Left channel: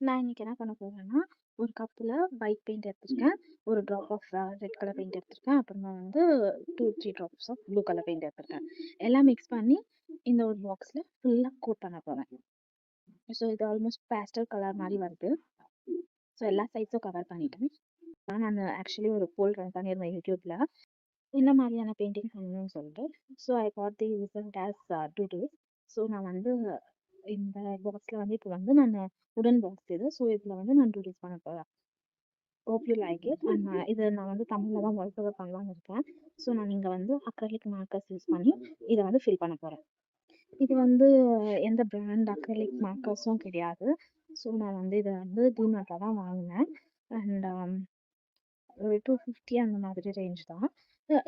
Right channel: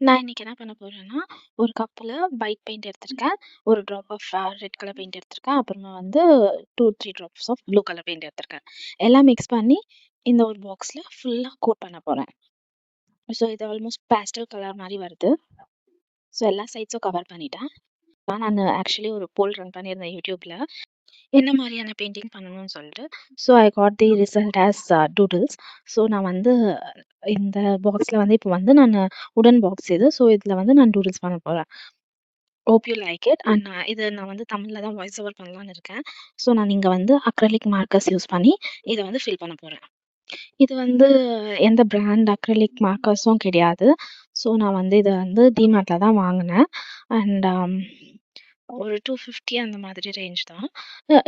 நான் இன்னைக்கு என்ன பண்ண போறேன்னா, ஒரு கப்ல ஒயிட் பெயிண்ட் எடுத்திருக்கேன். ஒரு drop of red colour paint எடுத்திருக்கேன். அப்புறமா வந்து 2, 3 drops of blue colour paint எடுத்திருக்கேன். எல்லாம் மிக்ஸ் பண்ணி இந்த ஒரு பாக்ஸ்ல ஃபுல்லா கோட் பண்ண போறேன். ஸோ இது ஆல்மோஸ்ட் பேஸ்டல் கலர் மாரி வருது. ஸோ எல்லா சைட்ஸும் கவர் பண்ணிட்டேன். நான் ஆக்சுவலி ஒரு போல் ரன் பண்ணியிருந்தேன் YouTubeல. என்ன மாரியான பெயிண்டிங் பண்ணணும்னு சொல்லிட்டு. So I got the result as doodles. So நான் வந்து இந்த பாக்ஸ்ல வந்து இப்போ வந்து உடன் பாக்ஸ் இது. ஸோ இதுல வந்து நான் டூடில்ஸ் பண்ண போறேன். Hope you like it. And நான் வந்து தமிழ்ல தான் வாய்ஸ் ஓவர் பண்ணலான்னு இருக்கேன். ஸோ நான் இங்க வந்து அக்ரிலிக் மார்க்கர்ஸ் யூஸ் பண்ணி இத வந்து ஃபில் பண்ண போறேன். இது வந்து எந்த பிராண்ட் அக்ரிலிக் மார்க்கர்ஸும் கிடையாது. ஸோ நான் வந்து இத வந்து டிமார்ட்ல தான் வாங்குனேன். அண்ட் ஒரு 250 அந்த மாதிரி ரேஞ்ச் தான்.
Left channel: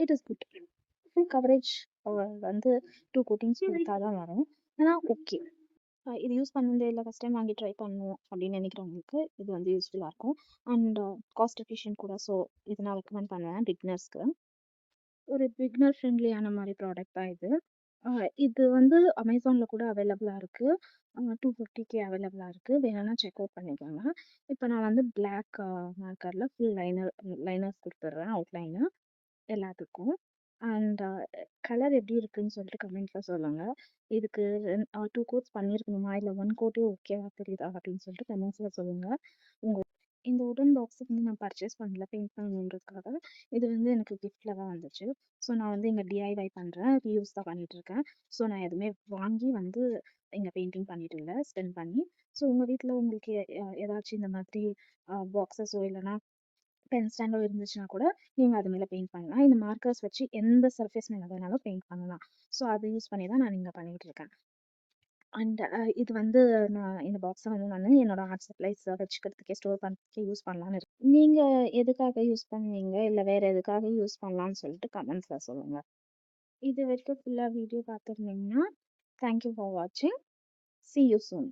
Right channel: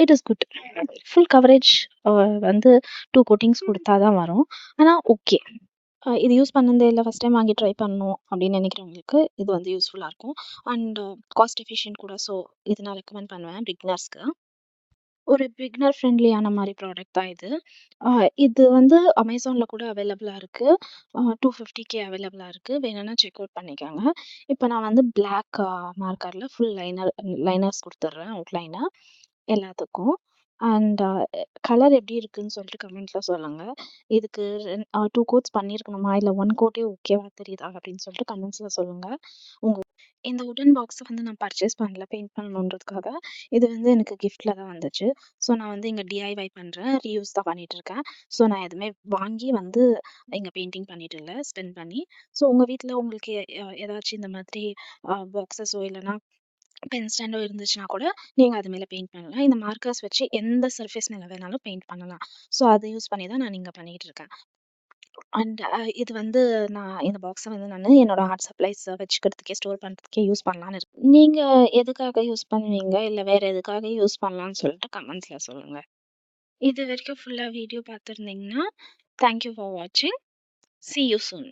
It is good. Full coverage வந்து 2 கோட்டிங்ஸ் குடுத்தா தான் வரும். ஆனா ஓகே. இது யூஸ் பண்ணதே இல்ல. ஃபர்ஸ்ட் டைம் வாங்கி ட்ரை பண்ணணும் அப்படின்னு நினைக்கிறவங்களுக்கு இது வந்து யூஸ்ஃபுல்லா இருக்கும். அண்ட் காஸ்ட் எஃபிஷியன்ட் கூட. ஸோ இது நான் ரெக்கமெண்ட் பண்ணுவேன் பிகினர்ஸ்க்கு. ஒரு பிகினர் ஃப்ரெண்ட்லியான மாரி ப்ராடக்ட் தான் இது. இது வந்து அமேசான்ல கூட அவைலபிளா இருக்கு. 250க்கு அவைலபிளா இருக்கு. வேணும்னா செக் அவுட் பண்ணிக்கோங்க. இப்ப நான் வந்து பிளாக் மார்க்கர்ல ஃபுல் லைனர்ஸ் குடுத்துடுறேன் அவுட்லைனா எல்லாத்துக்கும். அண்ட் கலர் எப்படி இருக்குன்னு சொல்லிட்டு கமெண்ட்ல சொல்லுங்க. இதுக்கு 2 கோட்ஸ் பண்ணியிருக்கணுமா? இல்ல 1 கோட்டே ஓகேவா தெரியுதா? அப்படின்னு சொல்லிட்டு கமெண்ட்ஸ்ல சொல்லுங்க. உங்க இந்த வுடன் பாக்ஸ வந்து நான் பர்ச்சேஸ் பண்ணல பெயிண்ட் பண்ணணுன்றதுக்காக. இது வந்து எனக்கு கிஃப்ட்ல தான் வந்துச்சு. ஸோ நான் வந்து இங்க டிஐஒய் பண்றேன். ரீயூஸ் தான் பண்ணிட்டு இருக்கேன். ஸோ நான் எதுவுமே வாங்கி வந்து இங்க பெயிண்டிங் பண்ணிட்டு இல்ல, ஸ்பெண்ட் பண்ணி. ஸோ உங்க வீட்ல உங்களுக்கு ஏதாச்சும் இந்த மாதிரி பாக்ஸஸோ இல்லன்னா பென் ஸ்டாண்டோ இருந்துச்சுன்னா கூட நீங்க அது மேல பெயிண்ட் பண்ணலாம். இந்த மார்க்கர்ஸ் வச்சு எந்த சர்ஃபேஸ் மேல வேணாலும் பெயிண்ட் பண்ணலாம். ஸோ அத யூஸ் பண்ணி தான் நான் இங்க பண்ணிட்டு இருக்கேன். அண்ட் இது வந்து நான் இந்த பாக்ஸ வந்து என்னோட ஆர்ட் சப்ளைஸ் வச்சுக்கிறதுக்கே, ஸ்டோர் பண்றதுக்கே யூஸ் பண்ணலான்னு இருக்கேன். நீங்க எதுக்காக யூஸ் பண்ணுவீங்க? இல்ல வேற எதுக்காக யூஸ் பண்ணலான்னு சொல்லிட்டு கமெண்ட்ஸ்ல சொல்லுங்க. இதுவரைக்கும் ஃபுல்லா வீடியோ பார்த்துருந்தீங்கன்னா, தேங்க் யூ ஃபார் வாட்சிங். See you soon.